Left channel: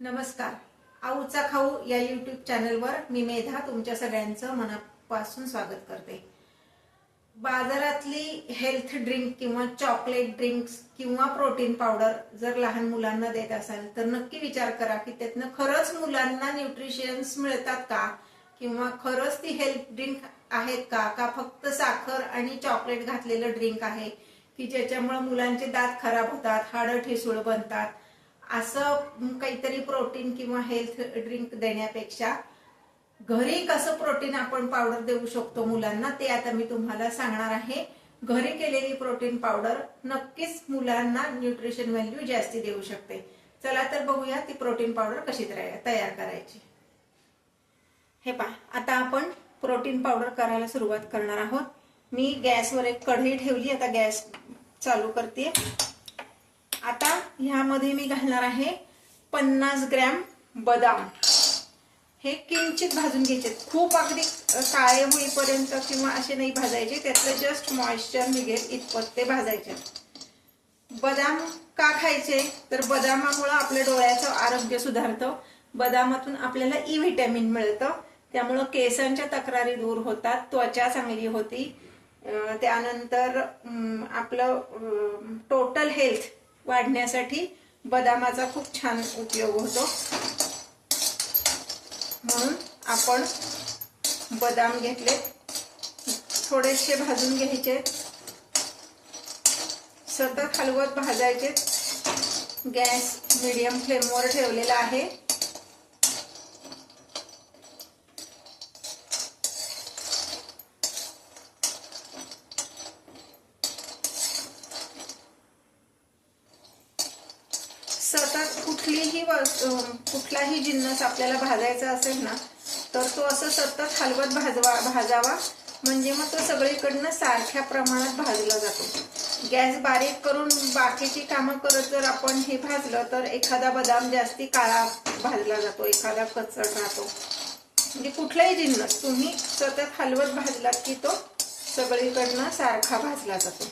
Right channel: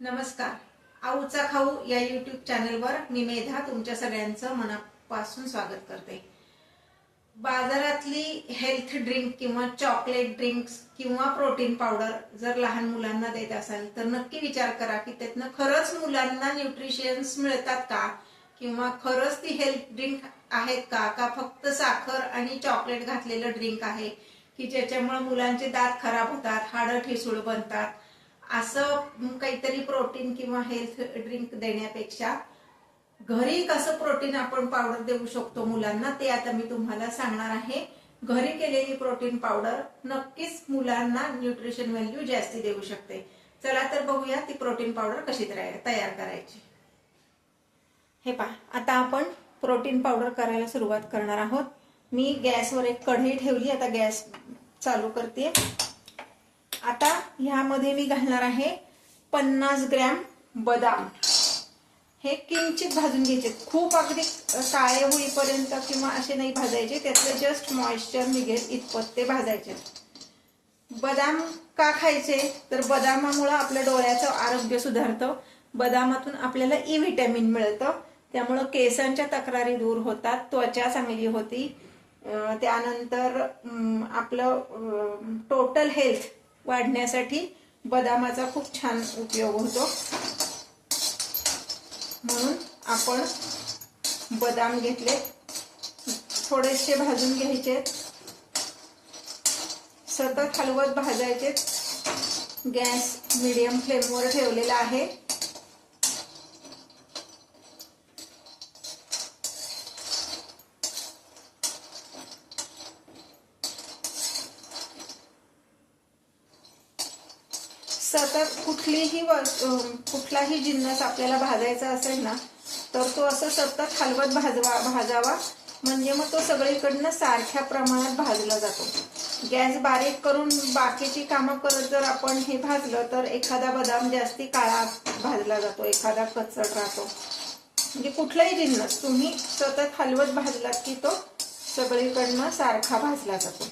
नमस्कार. आऊचा खाऊ या यूट्यूब चॅनलवर मी मेधा तुमच्या सगळ्यांचं मनापासून स्वागत करते. बाजारातली हेल्थ ड्रिंक किंवा चॉकलेट ड्रिंक्स किंवा प्रोटीन पावडर जर लहान मुलांना देत असाल तर नक्की विचार करा की त्यातनं खरंच मुलांना न्यूट्रिशन्स मिळतात का, किंवा खरंच ती हेल्थ ड्रिंक आहेत का फक्त साखर आणि चॉकलेट घातलेलं ड्रिंक आहे की ज्याच्यामुळे मुलांचे दात खराब होतात, हाडं ठिसूळ बनतात. असं काहीतरी प्रोटीन किंवा हेल्थ ड्रिंक देण्यापेक्षा घरी कसं प्रोटीन आपण पावडर देऊ शकतो मुलांना ते आता मी तुम्हाला सांगणार आहे. घरी केलेली प्रोटीन पावडर नक्कीच मुलांना न्यूट्रिशन व्हॅल्यू जास्ती देऊ शकते. चला तर बघूया ती प्रोटीन पावडर कशी तयार करायची. हे पहा, आता आपण प्रोटीन पावडर करायला सुरुवात करणार आहोत. मी गॅसवर एक कढई ठेवली, आता गॅस चालू करते. आता ह्यामध्ये मी घालणार आहे 50 ग्रॅम बदाम. हे किंचित भाजून घ्यायचे, खूप अगदी काळे होईपर्यंत किंवा असे नाही भाजायचे, त्यातलं जस्ट मॉइश्चर निघेल इतपत ते भाजायचे. बदाम का खायचे तर बदामामुळे आपल्या डोळ्याचं आरोग्य सुधारतं. बदामातून आपल्याला ई व्हिटॅमिन मिळतं, त्यामुळं केसांच्या तक्रारी दूर होतात, त्वचा चांगली होती. त्यानंतर आपलं टोटल हेल्थ वाढण्यासाठी बदामाचा खूप छान उपयोग होतो. म्हणून आपण बदाम घेतले, थोडेसे भाजून घ्यायचे, सतत हलवत भाजायचे. गॅस मीडियम फ्लेमवर ठेवलेला आहे. सतत कुठलाही जिन्नस आपल्याला भाजायचा असेल ना तर तो असं सतत हलवत भाजावा, म्हणजे मग तो सगळीकडनं सारख्या प्रमाणात भाजला जातो. गॅस बारीक करून बाकीची कामं करत जर आपण हे भाजलं तर एखादा बदाम जास्ती काळा भाजला जातो, एखादा कच्चट राहतो. म्हणजे कुठलाही जिन्नस तुम्ही सतत हलवत भाजलात की तो सगळीकडनं सारखा भाजला जातो.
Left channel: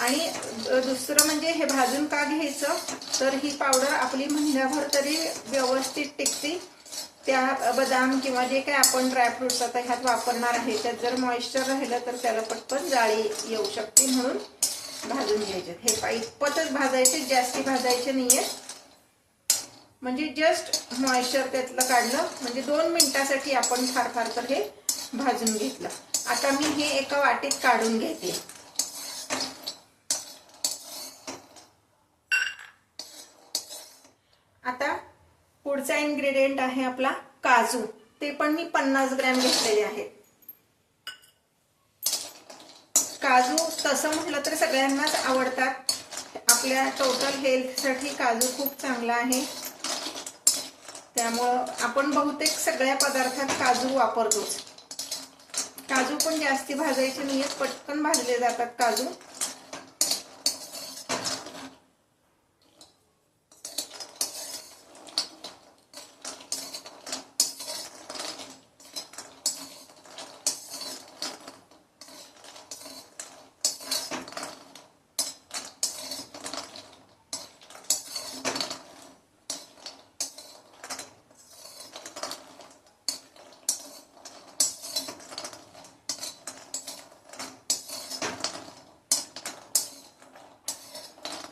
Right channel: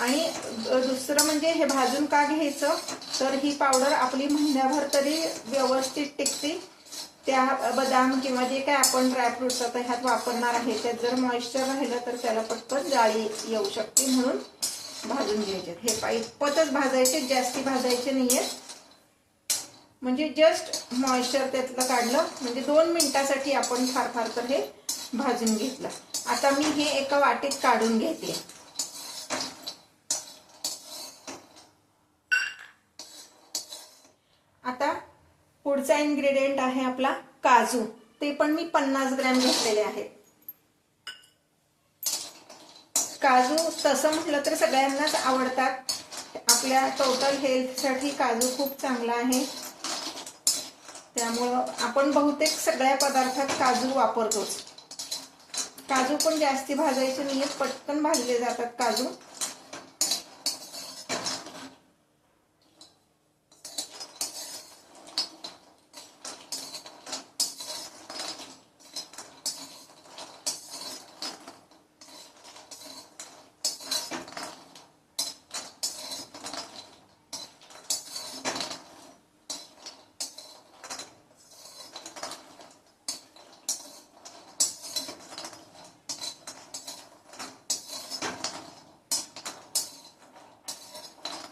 आणि दुसरं म्हणजे हे भाजून का घ्यायचं तर ही पावडर आपली महिन्याभर तरी व्यवस्थित टिकते. त्या बदाम किंवा जे काय आपण ड्रायफ्रुट्स आता ह्यात वापरणार आहे त्यात जर मॉइश्चर राहिलं तर त्याला पटकन जाळी येऊ शकते, म्हणून भाजून घ्यायचे. हे इतपतच भाजायचे, जास्ती भाजायचे नाहीये. म्हणजे जस्ट मॉइश्चर त्यातलं काढलं, म्हणजे 2 मिनिटासाठी आपण फार तर हे भाजून घेतलं. आता मी हे एका वाटीत काढून घेते. आता पुढचा इन्ग्रेडियंट आहे आपला काजू. ते पण मी 50 ग्रॅम घेतलेले आहेत. काजू तसं म्हटलं तर सगळ्यांनाच आवडतात. आपल्या टोटल हेल्थसाठी काजू खूप चांगला आहे, त्यामुळं आपण बहुतेक सगळ्या पदार्थात काजू वापरतोच. काजू पण जास्ती भाजायचे नाहीत, पटकन भाजले जातात काजू.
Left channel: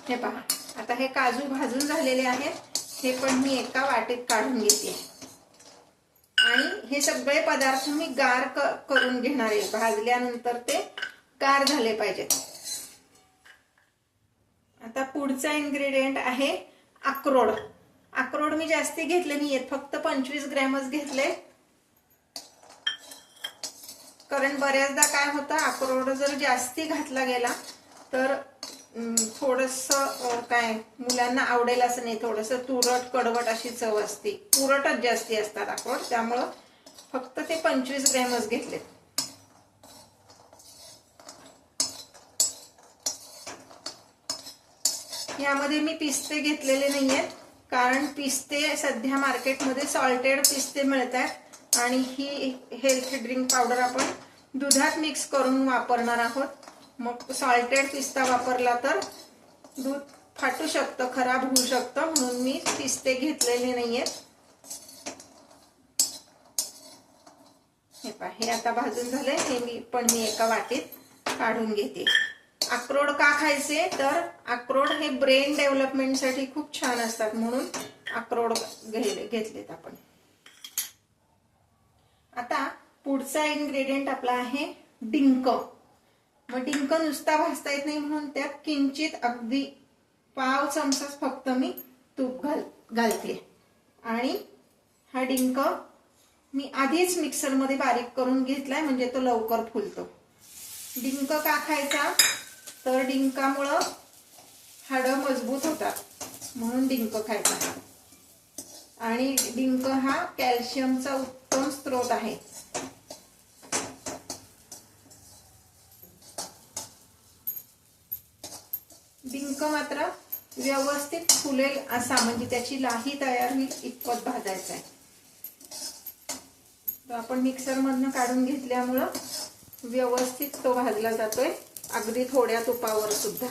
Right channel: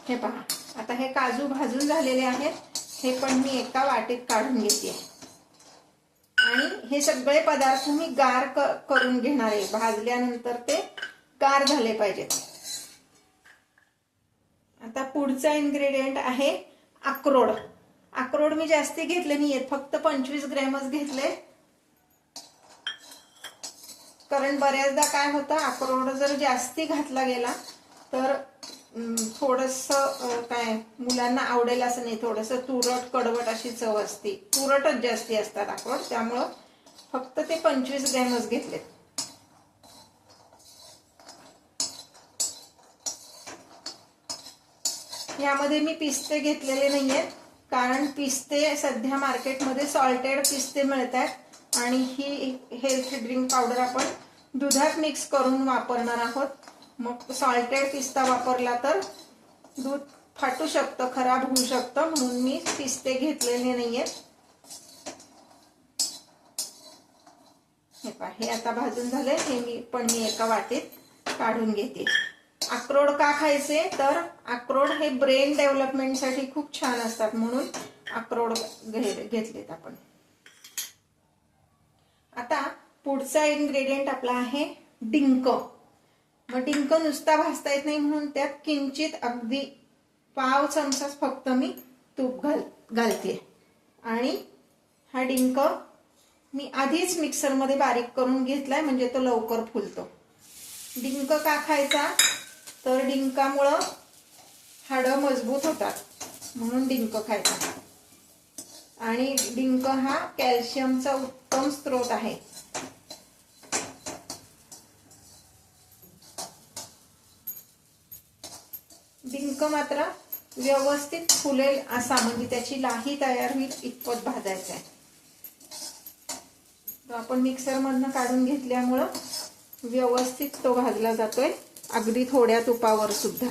हे पहा, आता हे काजू भाजून झालेले आहेत. हे पण मी एका वाटीत काढून घेते आणि हे सगळे पदार्थ मी गार करून घेणार आहे. भाजल्यानंतर ते गार झाले पाहिजेत. आता पुढचा इन्ग्रेडियंट आहे अक्रोड. अक्रोड मी जास्ती घेतले नाहीयेत, फक्त 25 ग्रॅमच घेतले. कारण बऱ्याचदा काय होतं, अक्रोड जर जास्ती घातला गेला तर थोडस काय मुलांना आवडेल असं नाही, थोडस तुरट कडवट अशी चव असते. तुरटच जास्ती असतात अक्रोड, त्यामुळं फक्त ते 25 ग्रॅमच घेतले. यामध्ये मी पिस्ते घेतलेले नाहीयेत, कारण पिस्ते सध्या मार्केटमध्ये सॉल्टेड पिस्ते मिळतात आणि ही हेल्थ ड्रिंक पावडर आपण दुधात मिक्स करून वापरणार आहोत. मग सॉल्टेड पिस्ता वापरला तर दूध फाटू शकतं, खराब होऊ शकतं, म्हणून मी पिस्ते घेतलेले नाहीयेत. हे पहा, हे आता भाजून झालंय. हे मी एका वाटीत काढून घेते. अक्रोड का खायचे तर अक्रोड हे ब्रेन डेव्हलपमेंटसाठी खूप छान असतात, म्हणून अक्रोड घेतलेत आपण. आता पुढचा इन्ग्रेडियंट आपला आहे डिंक. मग डिंक नुसता भाजता येत नाही, म्हणून त्यात किंचित अगदी पाव चमचा फक्त मी तूप घालते. आणि हा डिंक मी आधीच मिक्सरमध्ये बारीक करून घेतलाय, म्हणजे तो लवकर फुलतो. डिंक का खायचा तर डिंकामुळं हाडं मजबूत होतात, म्हणून डिंक खायचा. आणि डिंक हा कॅल्शियमचा उत्तम स्रोत आहे. डिंक मात्र व्यवस्थित फुलेल असा, म्हणजे त्याची लाही तयार होईल इतपत भाजायचा आहे. तो आपण मिक्सर मधनं काढून घेतल्यामुळं व्यवस्थित तो भाजला जातोय, अगदी थोड्या तुपावर सुद्धा.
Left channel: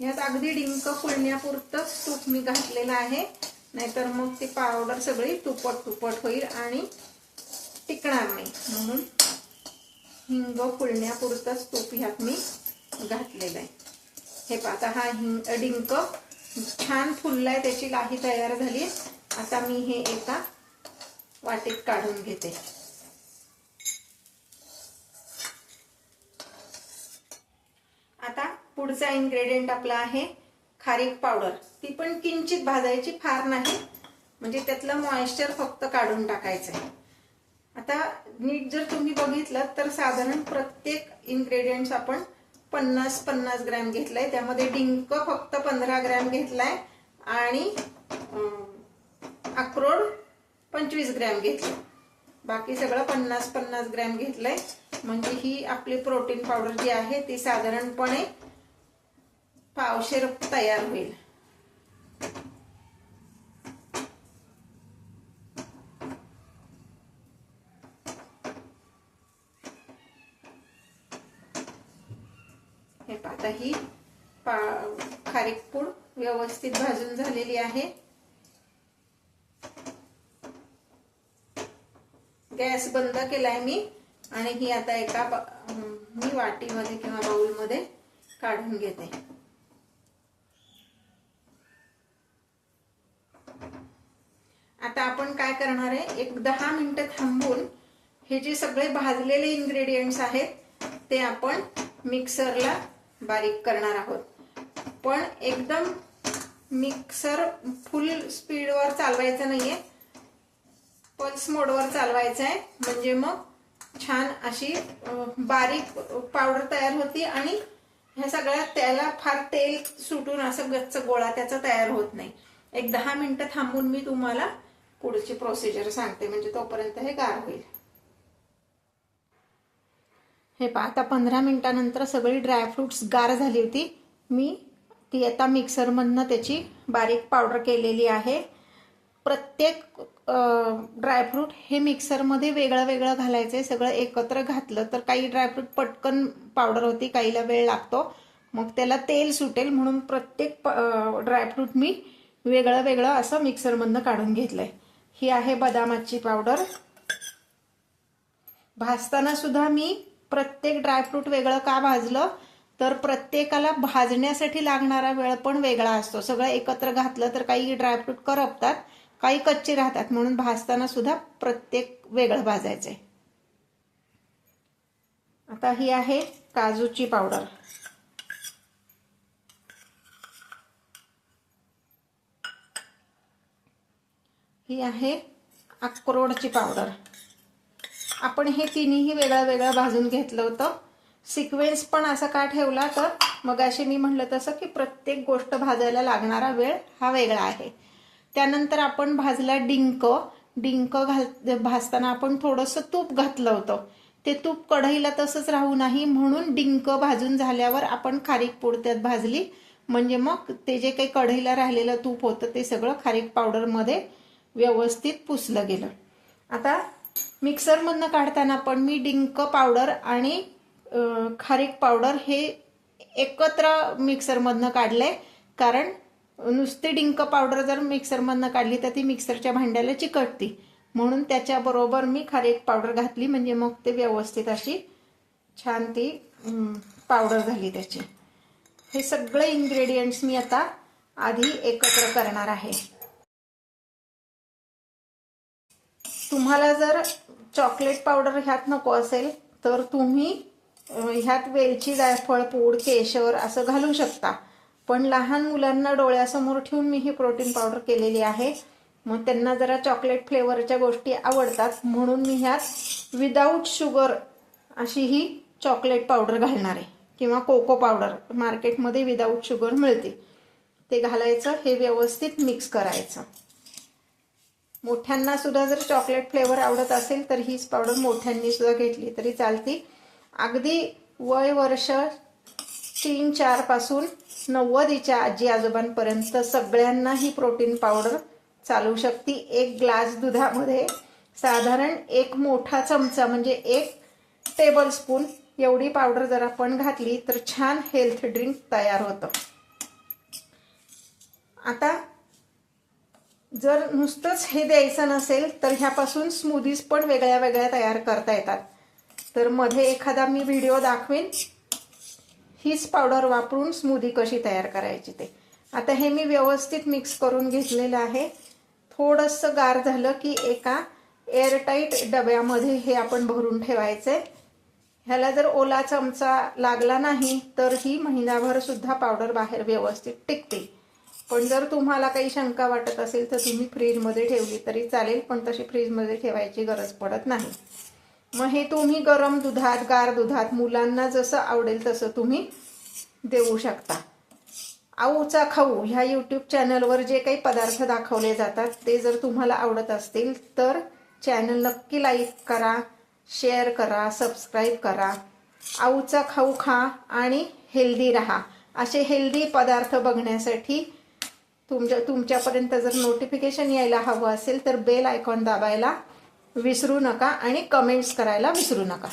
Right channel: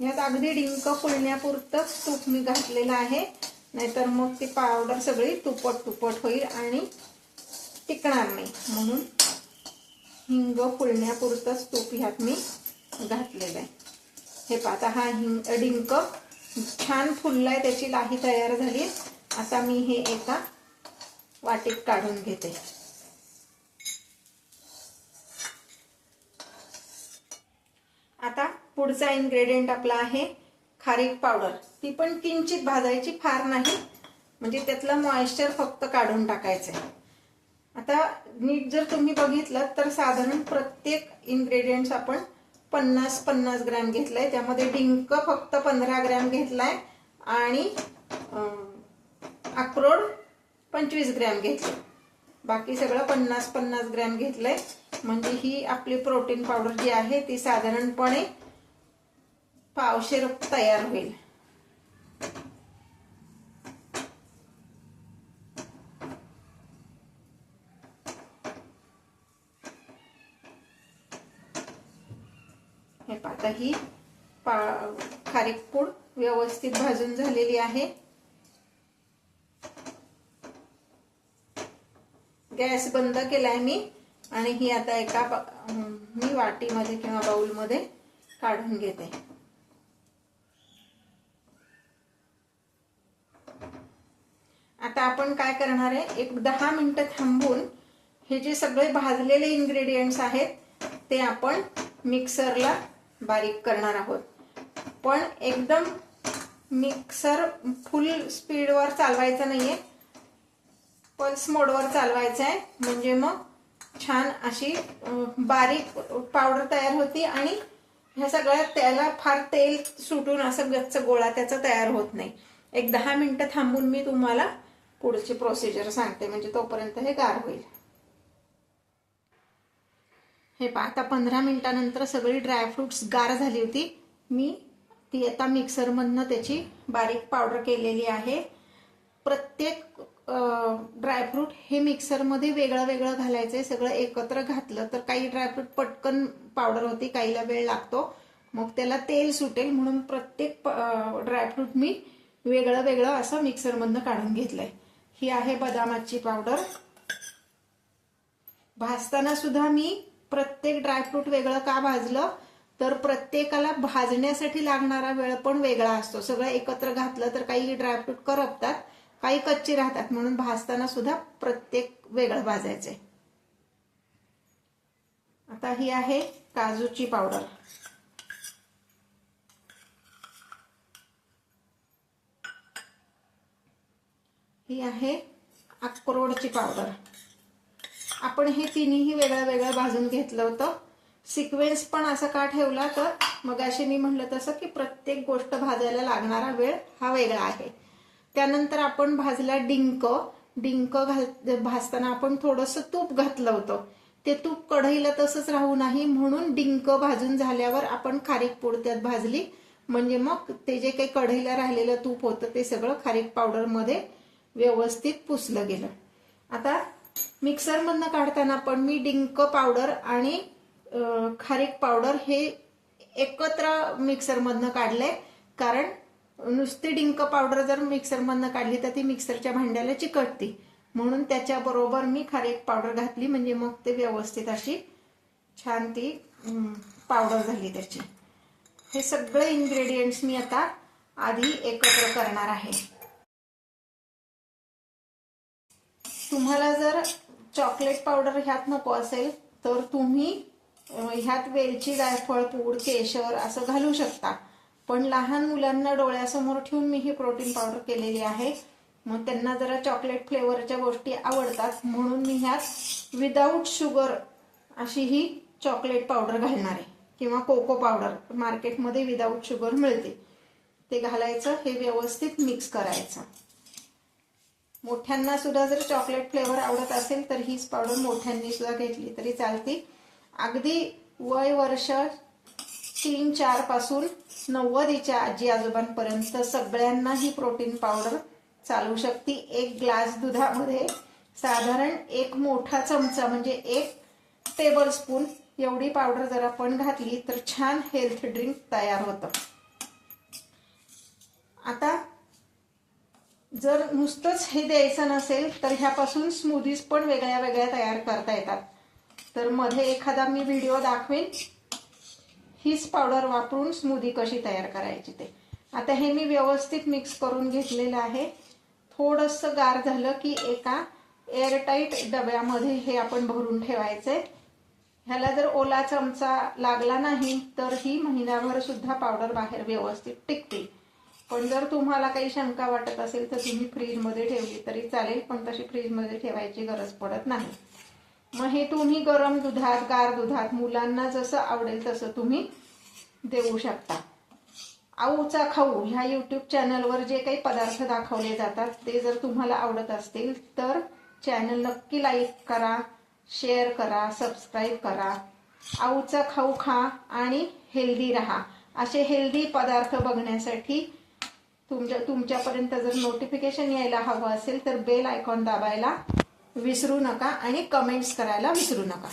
यात अगदी डिंक फुलण्यापुरतंच तूप मी घातलेलं आहे, नाहीतर मग ती पावडर सगळी तुपट होईल आणि टिकणार नाही. म्हणून हिंग फुलण्यापुरतंच तूप ह्यात मी घातलेलं आहे. हे पाहता, हा डिंक छान फुललाय, त्याची लाही तयार झाली. आता मी हे एका वाटीत काढून घेते. आता पुढचा इन्ग्रेडियंट आपला आहे खारीक पावडर. ती पण किंचित भाजायची, फार नाही, म्हणजे त्यातलं मॉइश्चर फक्त काढून टाकायचंय. आता नीट जर तुम्ही बघितलं तर साधारण प्रत्येक इन्ग्रेडियंट्स आपण 50-50 ग्रॅम घेतलंय. त्यामध्ये डिंक फक्त 15 ग्रॅम घेतलाय आणि अक्रोड 25 ग्रॅम घेतले. बाकी सगळं 50-50 ग्रॅम घेतलंय. म्हणजे ही आपली प्रोटीन पावडर जी आहे ती साधारणपणे पावशेर तयार होईल. हे पाहता, ही खारीक पूड व्यवस्थित भाजून झालेली आहे. गॅस बंद केलाय मी आणि ही आता एका मी वाटीमध्ये किंवा बाउलमध्ये काढून घेते. आता आपण काय करणार आहे, एक 10 मिनिटं थांबून हे जे सगळे भाजलेले इन्ग्रेडियंट्स आहेत ते आपण मिक्सरला बारीक करणार आहोत. पण एकदम मिक्सर फुल स्पीडवर चालवायचं नाहीये, पल्स मोडवर चालवायचं आहे, म्हणजे मग छान अशी बारीक पावडर तयार होती. आणि ह्या सगळ्या त्याला फार तेल सुटून असं गच्च गोळा त्याचा तयार होत नाही. एक 10 मिनिटं थांबून मी तुम्हाला पुढची प्रोसिजर सांगते, म्हणजे तोपर्यंत हे गार होईल. हे पहा, आता 15 मिनिटानंतर सगळी ड्रायफ्रुट्स गार झाली होती. मी ती आता मिक्सर मधनं त्याची बारीक पावडर केलेली आहे. प्रत्येक ड्रायफ्रूट हे मिक्सरमध्ये वेगळं वेगळं घालायचंय. सगळं एकत्र घातलं तर काही ड्रायफ्रूट पटकन पावडर होती, काहीला वेळ लागतो, मग त्याला तेल सुटेल, म्हणून प्रत्येक ड्रायफ्रूट मी वेगळं वेगळं असं मिक्सर मधनं काढून घेतलंय. ही आहे बदामाची पावडर. भाजताना सुद्धा मी प्रत्येक ड्रायफ्रूट वेगळं का भाजलं तर प्रत्येकाला भाजण्यासाठी लागणारा वेळ पण वेगळा असतो. सगळं एकत्र घातलं तर काही ड्रायफ्रूट करपतात, काही कच्चे राहतात, म्हणून भाजताना सुद्धा प्रत्येक वेगळं भाजायचंय. आता ही आहे काजूची पावडर. ही आहे अक्रोडची पावडर. आपण हे तिन्ही वेगळं वेगळं भाजून घेतलं होतं. सिक्वेन्स पण असा का ठेवला तर मगाशी मी म्हटलं तसं की प्रत्येक गोष्ट भाजायला लागणारा वेळ हा वेगळा आहे. त्यानंतर आपण भाजला डिंक. डिंक भाजताना आपण थोडंसं तूप घातलं होतं. ते तूप कढईला तसंच राहू नाही म्हणून डिंक भाजून झाल्यावर आपण खारीक पूड त्यात भाजली. म्हणजे मग ते जे काही कढईला राहिलेलं तूप होतं ते सगळं खारीक पावडरमध्ये व्यवस्थित पुसलं गेलं. आता मिक्सरमधनं काढताना पण मी डिंक पावडर आणि खारीक पावडर हे एकत्र मिक्सरमधनं काढलंय. कारण नुसती डिंक पावडर जर मिक्सरमधनं काढली तर ती मिक्सरच्या भांड्याला चिकटती. म्हणून त्याच्याबरोबर मी खारीक पावडर घातली म्हणजे मग ते व्यवस्थित अशी छान ती पावडर झाली त्याची. हे सगळे इन्ग्रेडियंट्स मी आता आधी एकत्र करणार आहे. तुम्हाला जर चॉकलेट पावडर ह्यात नको असेल तर तुम्ही ह्यात वेलची, जायफळ पूड, केशर असं घालू शकता. पण लहान मुलांना डोळ्यासमोर ठेवून मी ही प्रोटीन पावडर केलेली आहे. मग त्यांना जरा चॉकलेट फ्लेवरच्या गोष्टी आवडतात म्हणून मी ह्यात विदाऊट शुगर अशी ही चॉकलेट पावडर घालणार आहे. किंवा कोको पावडर मार्केटमध्ये विदाऊट शुगर मिळते ते घालायचं. हे व्यवस्थित मिक्स करायचं. मोठ्यांना सुद्धा जर चॉकलेट फ्लेवर आवडत असेल तर हीच पावडर मोठ्यांनी सुद्धा घेतली तरी चालते. अगदी वय वर्ष 3-4 पासून 90च्या आजी आजोबांपर्यंत सगळ्यांना ही प्रोटीन पावडर चालू शकते. 1 ग्लास दुधामध्ये साधारण 1 मोठा चमचा म्हणजे 1 टेबल स्पून एवढी पावडर जर आपण घातली तर छान हेल्थ ड्रिंक तयार होतं. आता जर नुसतंच हे द्यायचं नसेल तर ह्यापासून स्मूदीज पण वेगळ्या वेगळ्या तयार करता येतात. तर मध्ये एखादा मी व्हिडिओ दाखवेन हीच पावडर वापरून स्मूदी कशी तयार करायची ते. आता हे मी व्यवस्थित मिक्स करून घेतलेलं आहे. थोडंसं गार झालं की एका एअरटाईट डब्यामध्ये हे आपण भरून ठेवायचंय. ह्याला जर ओला चमचा लागला नाही तर ही महिनाभर सुद्धा पावडर बाहेर व्यवस्थित टिकते. पण जर तुम्हाला काही शंका वाटत असेल तर तुम्ही फ्रीजमध्ये ठेवली तरी चालेल. पण तशी फ्रीजमध्ये ठेवायची गरज पडत नाही. मग हे तुम्ही गरम दुधात, गार दुधात मुलांना जसं आवडेल तसं तुम्ही देऊ शकता. आऊचा खाऊ ह्या यूट्यूब चॅनलवर जे काही पदार्थ दाखवले जातात ते जर तुम्हाला आवडत असतील तर चॅनल नक्की लाईक करा, शेअर करा, सबस्क्राईब करा. आऊचा खाऊ खा आणि हेल्दी राहा. असे हेल्दी पदार्थ बघण्यासाठी तुमच्यापर्यंत जर नोटिफिकेशन यायला हवं असेल तर बेल आयकॉन दाबायला विसरू नका आणि कमेंट्स करायला विसरू नका.